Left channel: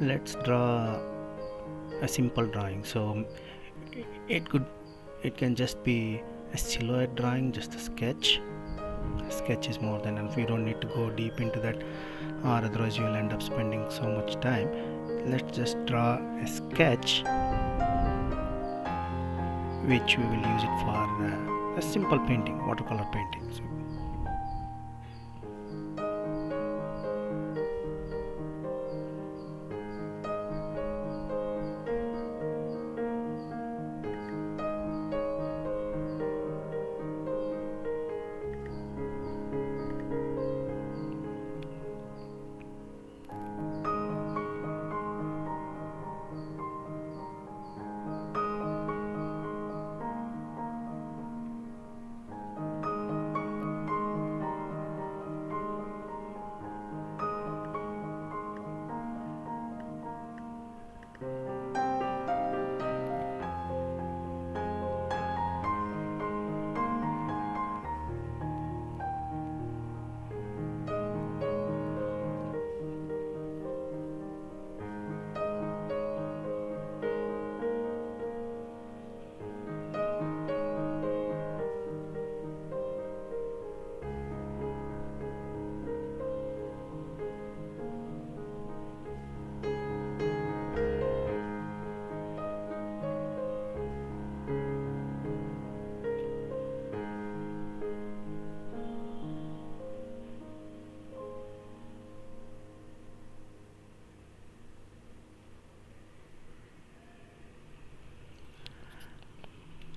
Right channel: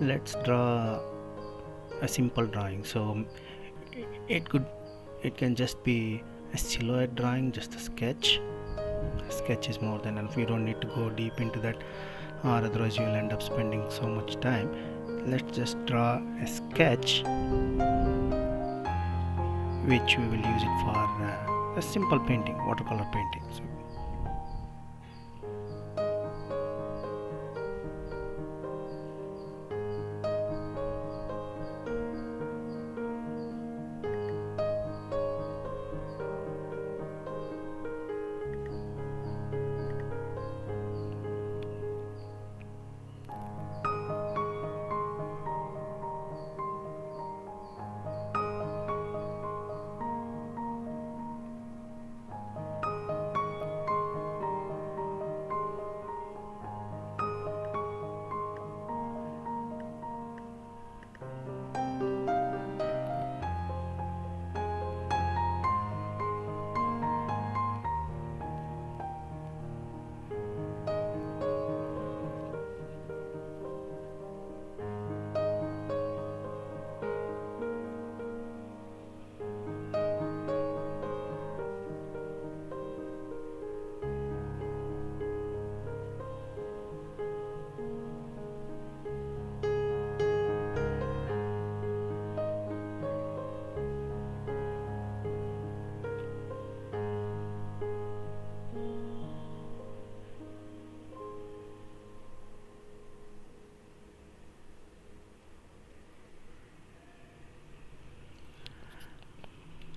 Let's draw a simple drawing. So it could it can just be a silhouette drawing, just a sketch. A sketch is more than enough. You don't need to go deep into that, or otherwise you will end up spending so much time. Let's just draw a sketch which we will use it for a simple painting, watercolor painting. So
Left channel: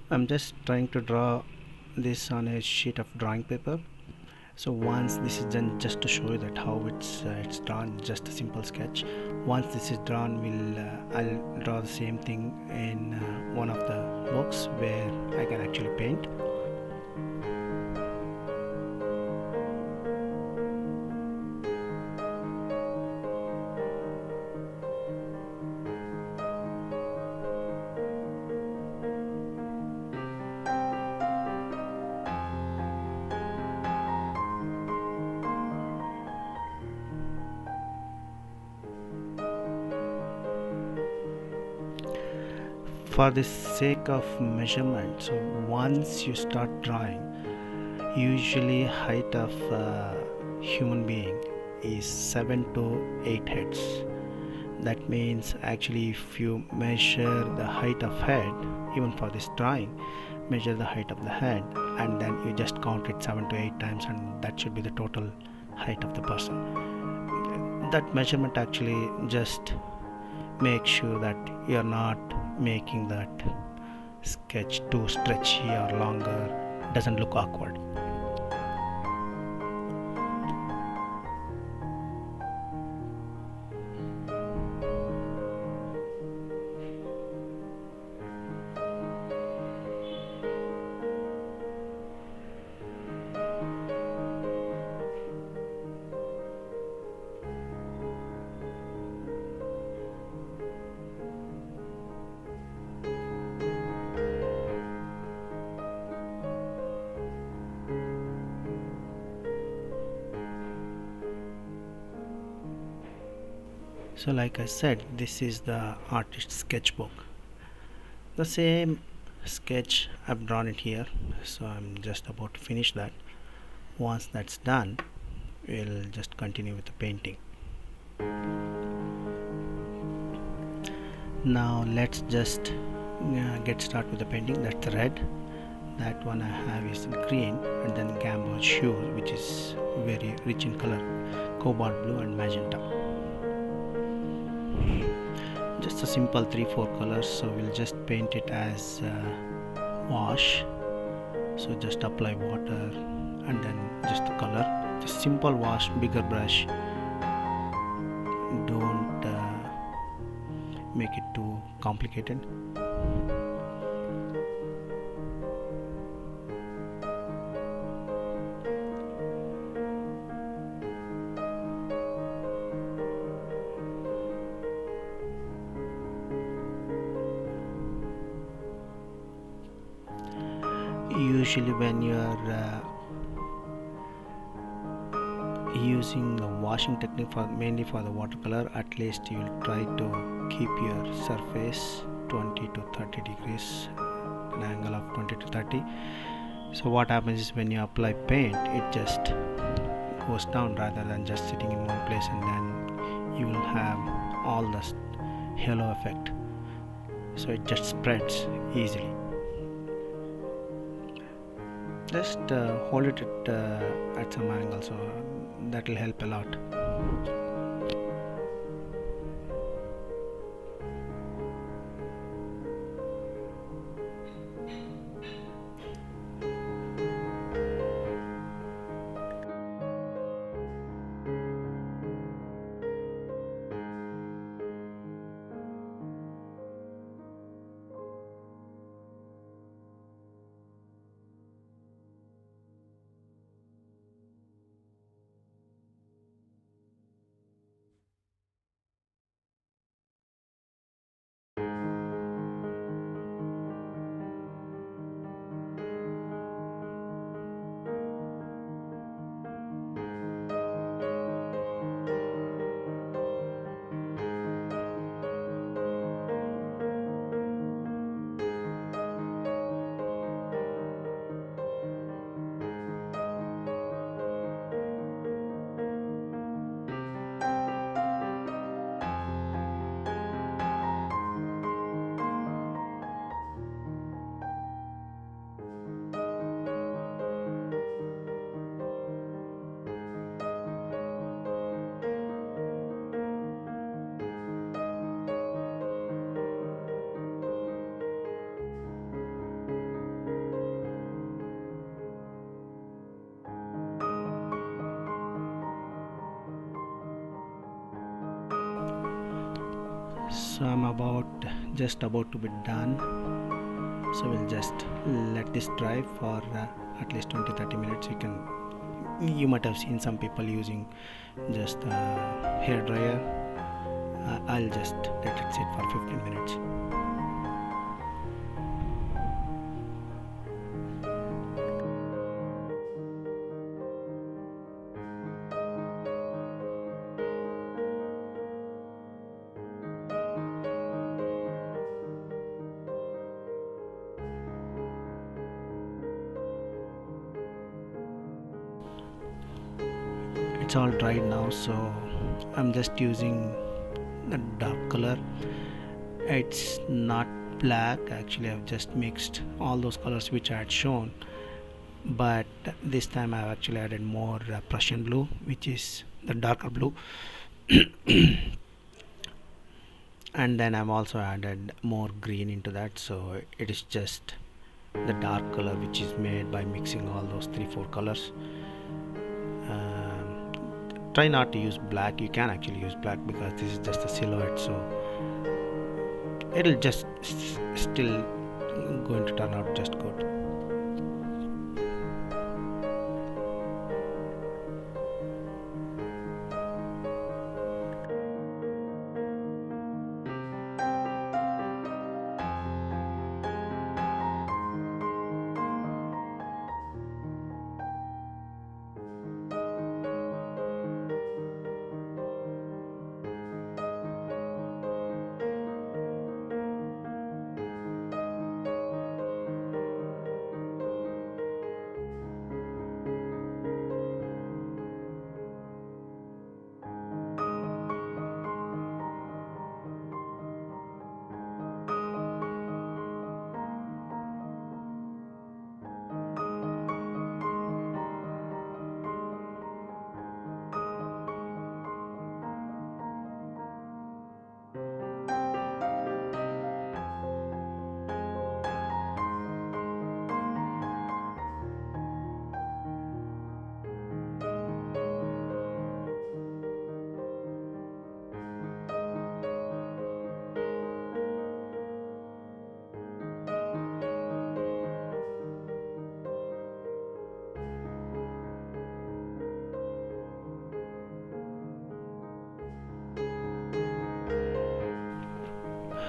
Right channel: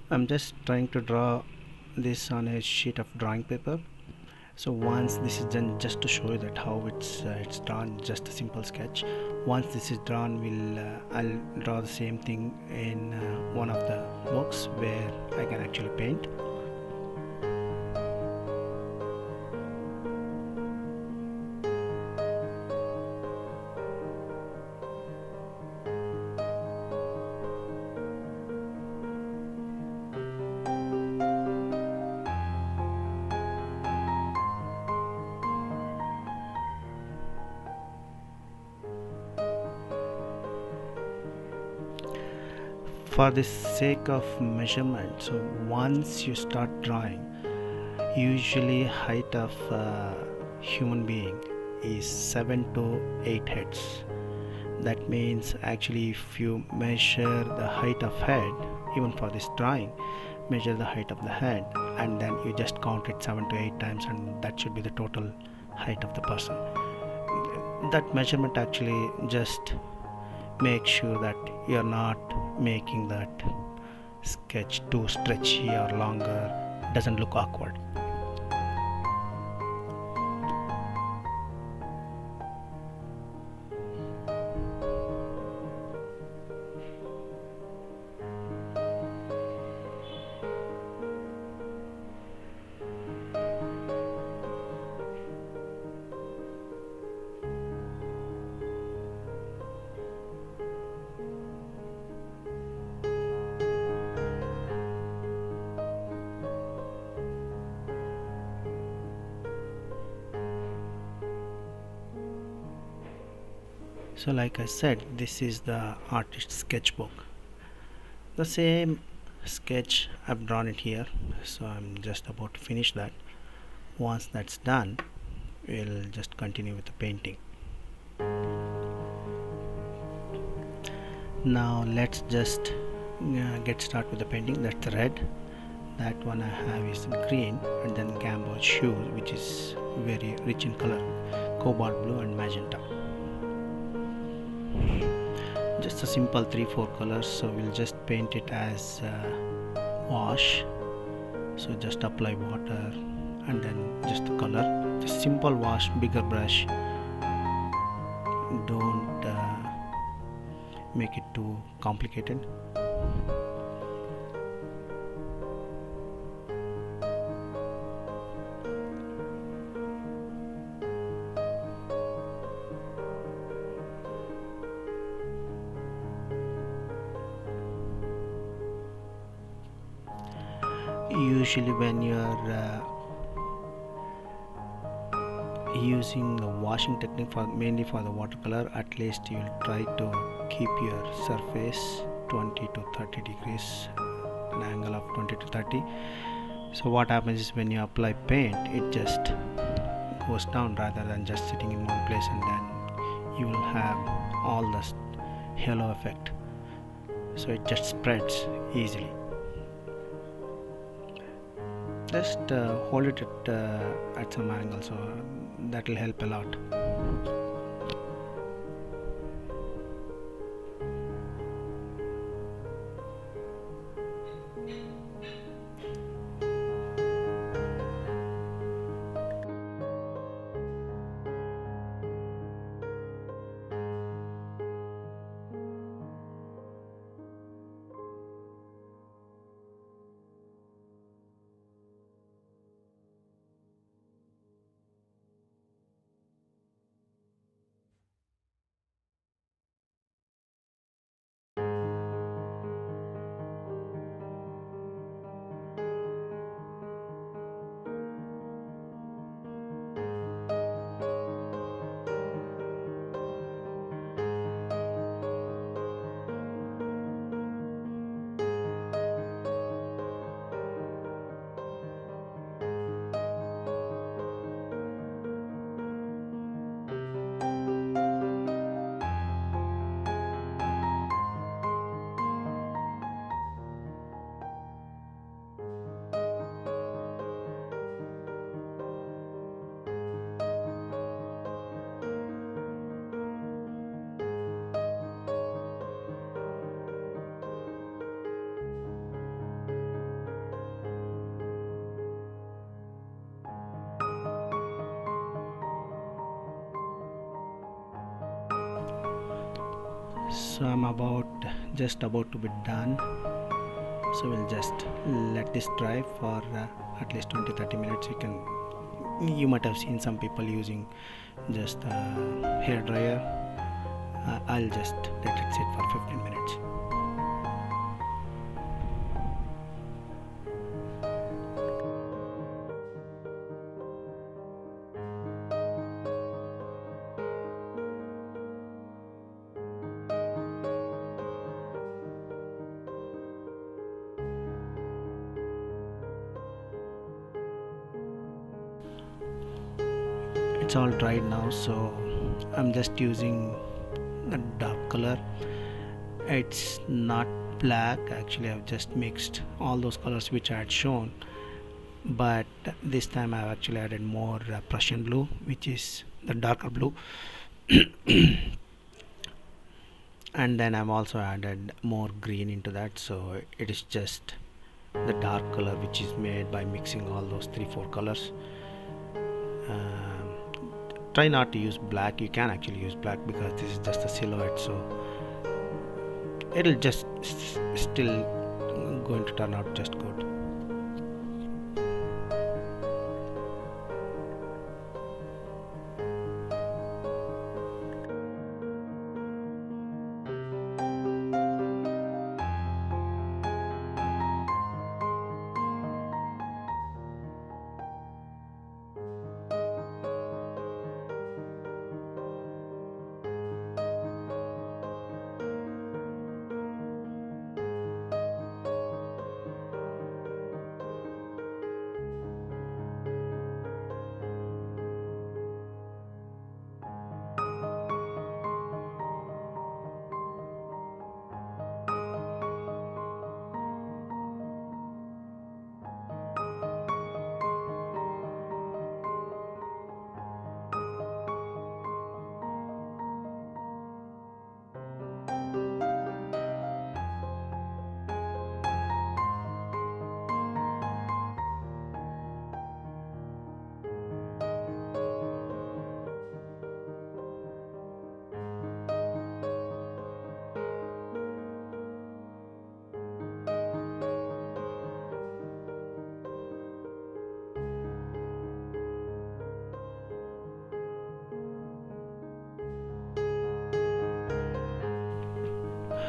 I'm just trying to draw this on a sheet of drawing paper. So once this is done, just to show you that how it's drawn, just a simple sketch. Once this is drawn, I'll draw the same thing in one of the books where I can actually paint. For the sake of measurement, so once you start drawing, usually height of human being is 7 to 8 heads. That means actually if you measure the height of head, even for this drawing, measure the height of the head and then you just count it 7 to 8 times, and that should be the total height of the person. That measurement actually just make sure that you're not making that sketch too stretchy or longer, doesn't look awkward. So like I said, this is the artist sketchbook. The same sketch I've drawn it here, so I'm just about to finish that. Once that's done, we'll just continue with the painting. Now let's just get started with the painting. That's the red. That one I have is green, and then gamboge shoes, which is very rich in color, cobalt blue and magenta. Just a simple 3-4 colors, so we'll just paint it as wash. So just apply water and then just the color, just simple wash, bigger brush. Don't make it too complicated. Usually when you're using the washing technique for mainly for the watercolor, at least you'll try to keep your surface 20 to 30 degrees, an angle of 20 to 30. So what happens is when you apply paint, it just goes down rather than just sitting in one place, and then you will have all the halo effect, so it just spreads easily. Just hold it at some angle, so that will help a lot. So I'm just about to be done, so we'll just let this dry for at least 20-30 minutes. You might have seen some people using just a hair dryer. I'll just let it sit for 15 minutes. It's all dried now, so I'm just using the dark color. It's not black, actually I've just mixed all those colors which I had shown, but this time I've actually added more Prussian blue, which is the darker blue. And then I've also added more green into that, so it is just the dark color which is made by mixing all those 3-4 colors. Try not to use black. You can actually use black because this is just a silhouette, so it'll just still going to turn out just good.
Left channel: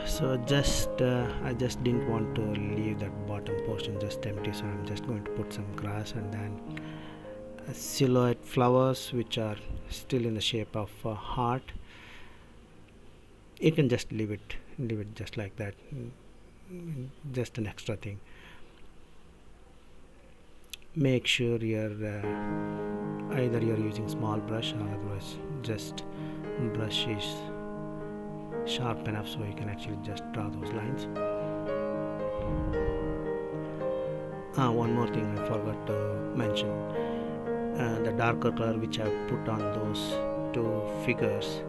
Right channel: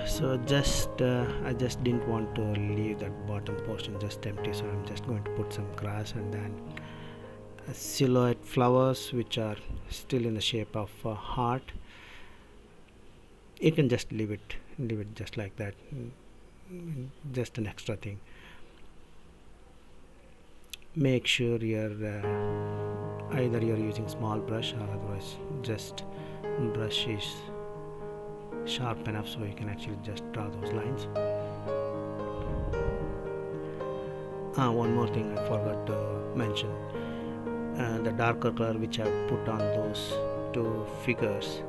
So I just didn't want to leave that bottom portion just empty, so I'm just going to put some grass and then silhouette flowers which are still in the shape of a heart. You can just leave it just like that. Just an extra thing. Make sure either you're using small brush or otherwise just brush is sharp enough so you can actually just draw those lines. One more thing I forgot to mention, the darker color which I've put on those two figures,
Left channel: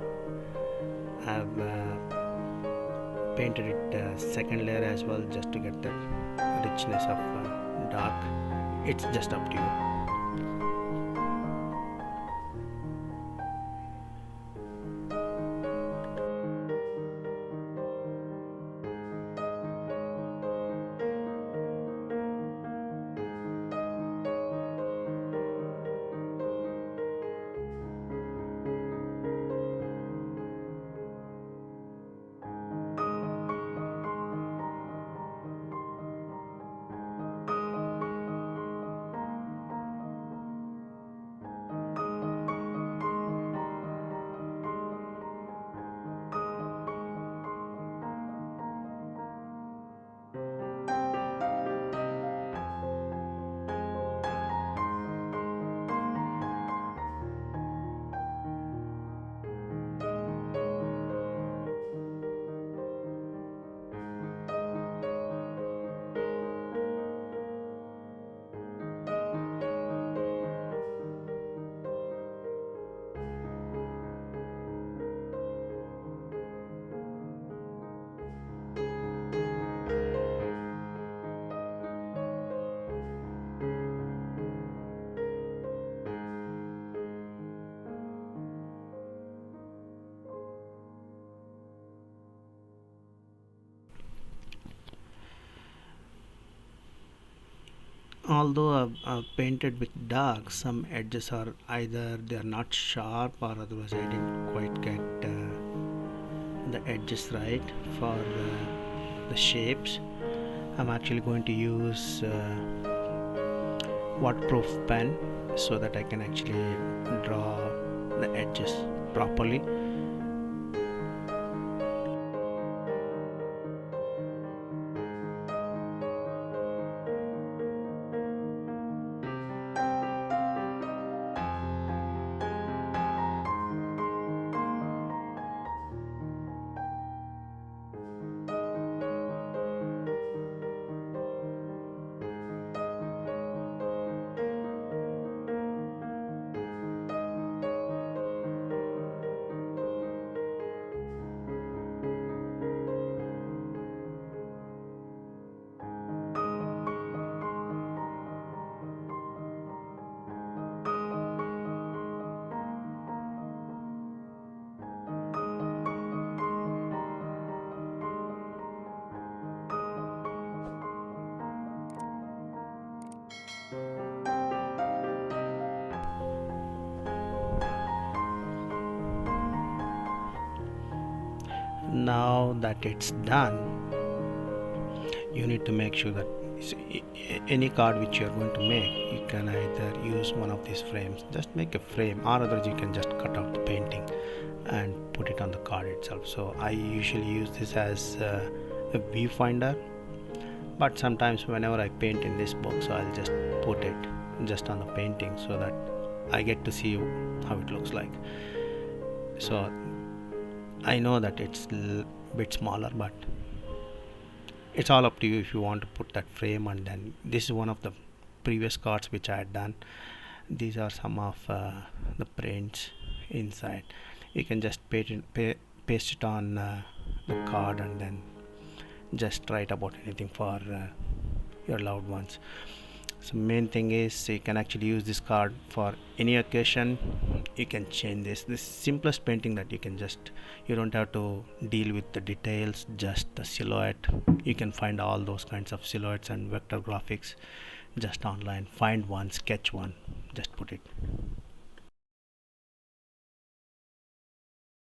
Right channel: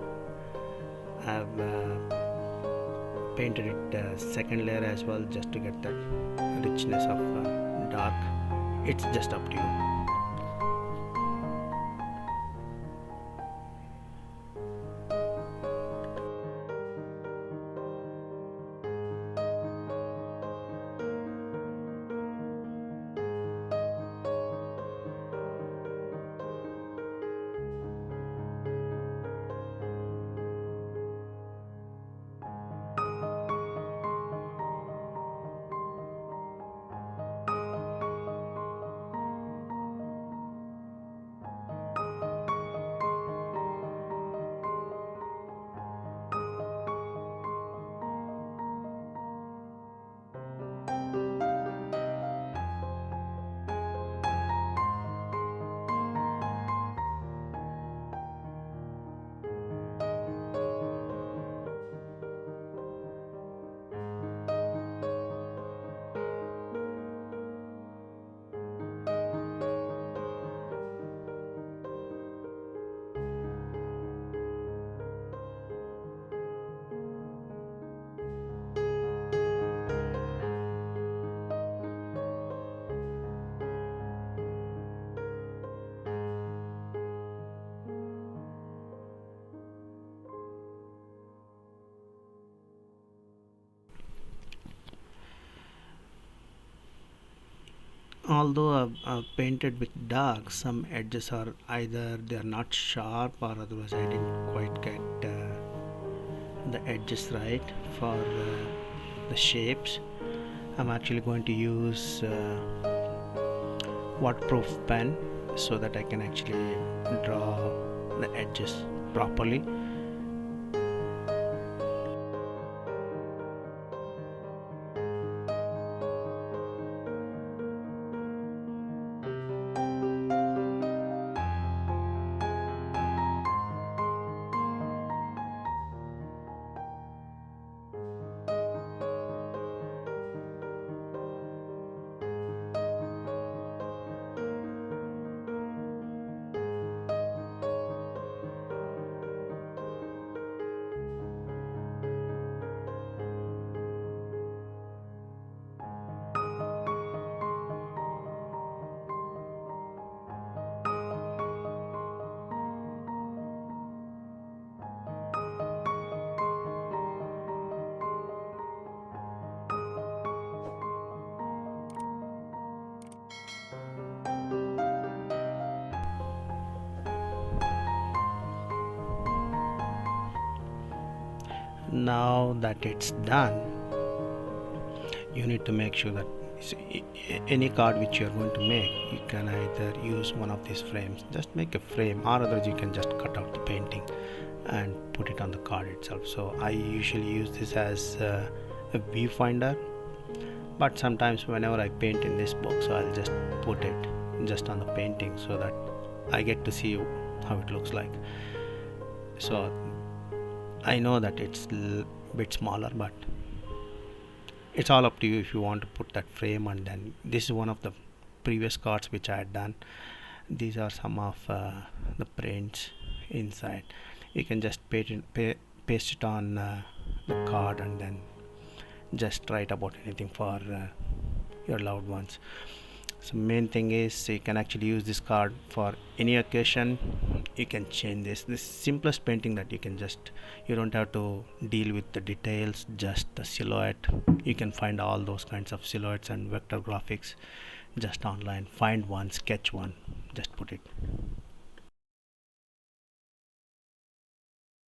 I've painted it second layer as well, just to get that richness of dark. It's just up to you. Although I've painted with dark, some edges are either they are not sharp or otherwise I didn't quite get the edges right for the shapes. I'm actually going to use waterproof pen so that I can actually draw the edges properly. Now that it's done, you need to make sure that any card which you're going to make, you can either use one of these frames, just make a frame, or otherwise you can just cut out the painting and put it on the card itself. So I usually use this as a viewfinder, but sometimes whenever I paint in this book, so I'll just put it just on the painting so that I get to see how it looks like. So I know that it's a bit smaller, but it's all up to you if you want to put that frame. And then this is one of the previous cards which I had done. These are some of the prints inside. You can just paste it on the card and then just write about anything for your loved ones. So main thing is you can actually use this card for any occasion. You can change this simplest painting that you don't have to deal with the details, just the silhouette. You can find all those kinds of silhouettes and vector graphics just online. Find one, sketch one, just put it.